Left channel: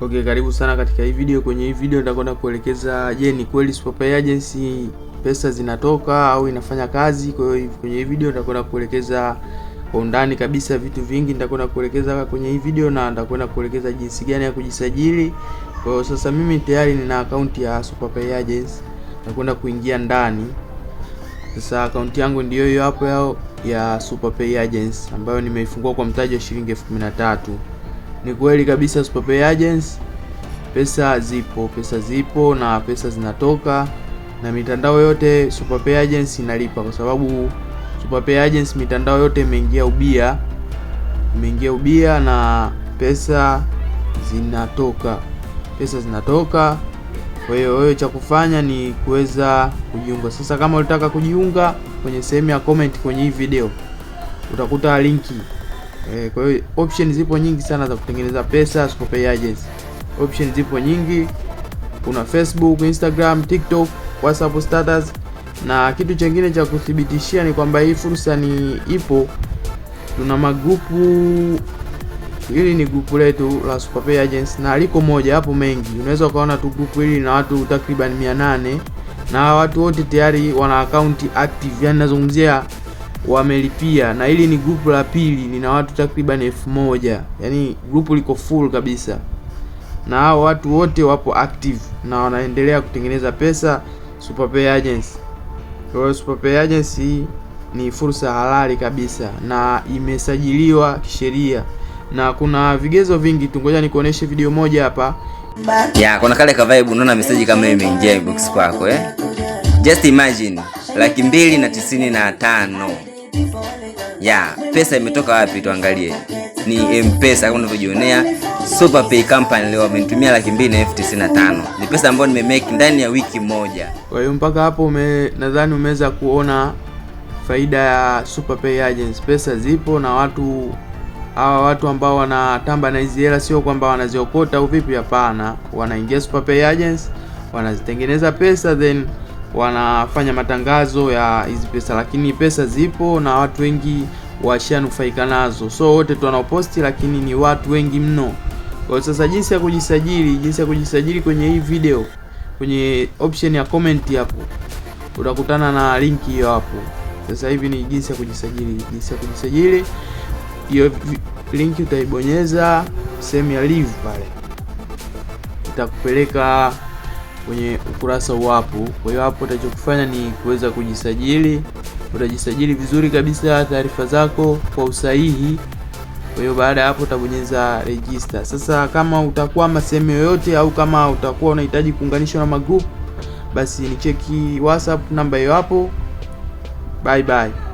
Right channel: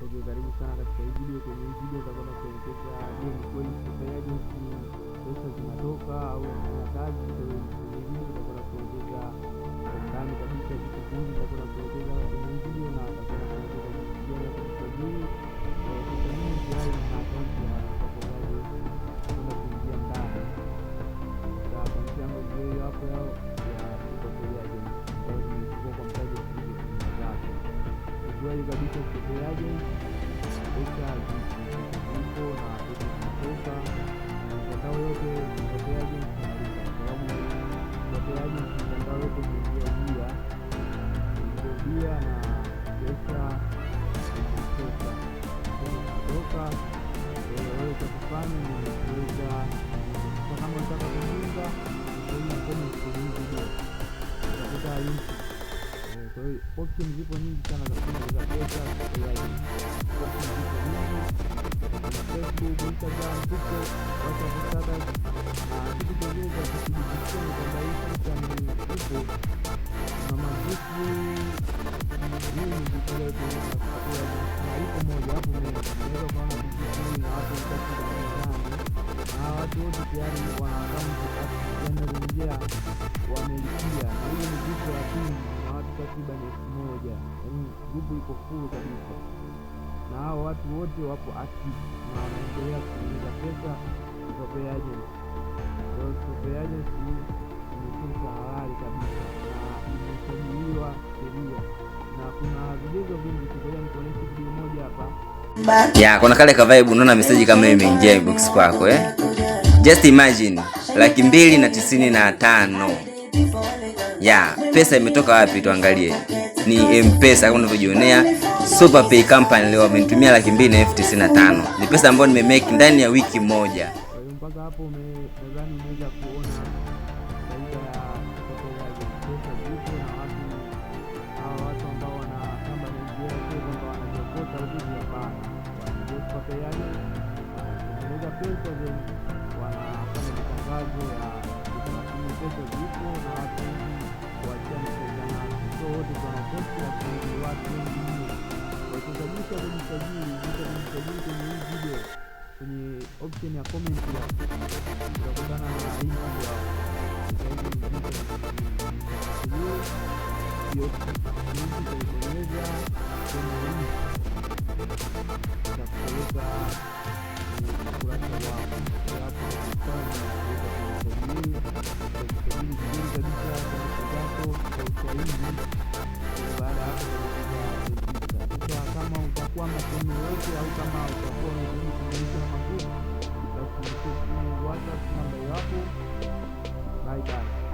Okay, karibu sana katika hii video. Kwenye hii video nitakwenda kuelekeza, je, ni kweli SuperPay Agency pesa zinatoka au inafanya kazi? Kwa hiyo kwenye hii video nitakwenda kuelekeza kwa undani kabisa vitu vingi nitakwenda kuelekeza kwenye hii video, na nitakwenda kuelekeza jinsi gani ya kujisajili. Kwa hiyo sasa mimi tayari nina akaunti ya SuperPay Agency, nitakwenda kuingia ndani. Sasa akaunti yangu ndio hiyo hapo yao ya SuperPay Agency ambayo nimeifungua kwa mtaji wa shilingi 13,000. Ni kweli kabisa SuperPay Agency pesa zipo na pesa zinatoka, na mitandao yote SuperPay Agency inalipa, kwa sababu SuperPay Agency mitandao yote imeingia ubia na pesa zinatoka. Kwa hiyo wewe cha kufanya ni kuweza kujiunga. Sasa kama unataka kujiunga, kwenye sehemu ya comment kwenye hii video utakuta linki. Kwa hiyo option zipo nyingi sana za kutengeneza pesa SuperPay Agency. Option zipo nyingi, kuna Facebook, Instagram, TikTok, WhatsApp status, na kitu kingine cha kuthibitishia ni kwamba hii fursa ni ipo. Tuna magrupu, hili ni grupu letu la SuperPay Agency na liko moja, hapo mengi. Unaweza ukaona tu grupu hili na watu takriban 800, na watu wote tayari wana account active, yani nazungumzia wamelipia. Na hili ni grupu la pili, nina watu takriban 1000, yani grupu liko full kabisa, na hao watu wote wapo active na wanaendelea kutengeneza pesa SuperPay Agency. Kwa hiyo SuperPay Agency ni fursa halali kabisa na imesajiliwa kisheria, na kuna vigezo vingi tu. Ngoja nikuoneshe video moja hapa. Kuna kale ka vibe, unaona message kama imeingia inbox kwako Just imagine 295. Pesa imetoka wapi? Tuangalie. Ni M-Pesa kama unavyojionea. SuperPay Company leo wamenitumia 295,095. Ni pesa ambayo nimemake ndani ya wiki moja. Kwa hiyo mpaka hapo nadhani umeweza kuona faida ya SuperPay Agency. Pesa zipo, na watu ambao wanatamba na hizi hela sio kwamba wanaziokota au vipi, hapana. Wanaingia SuperPay Agency, wanazitengeneza pesa, then wanafanya matangazo ya hizi pesa, lakini pesa zipo na watu wengi washanufaika nazo. So wote tu wanaoposti, lakini ni watu wengi mno. Kwa sasa jinsi ya kujisajili kwenye hii video, kwenye option ya comment hapo utakutana na linki hiyo hapo. Sasa hivi ni jinsi ya kujisajili. Hiyo linki utaibonyeza sehemu ya live pale, itakupeleka kwenye ukurasa hapo. Kwa hiyo hapo utachokufanya ni kuweza kujisajili. Utajisajili vizuri kabisa, taarifa zako kwa usahihi. Kwa hiyo baada ya hapo utabonyeza register. Sasa kama utakwama sehemu yoyote, au kama utakuwa unahitaji kuunganishwa na magroup, basi ni cheki WhatsApp namba hiyo hapo. Bye bye.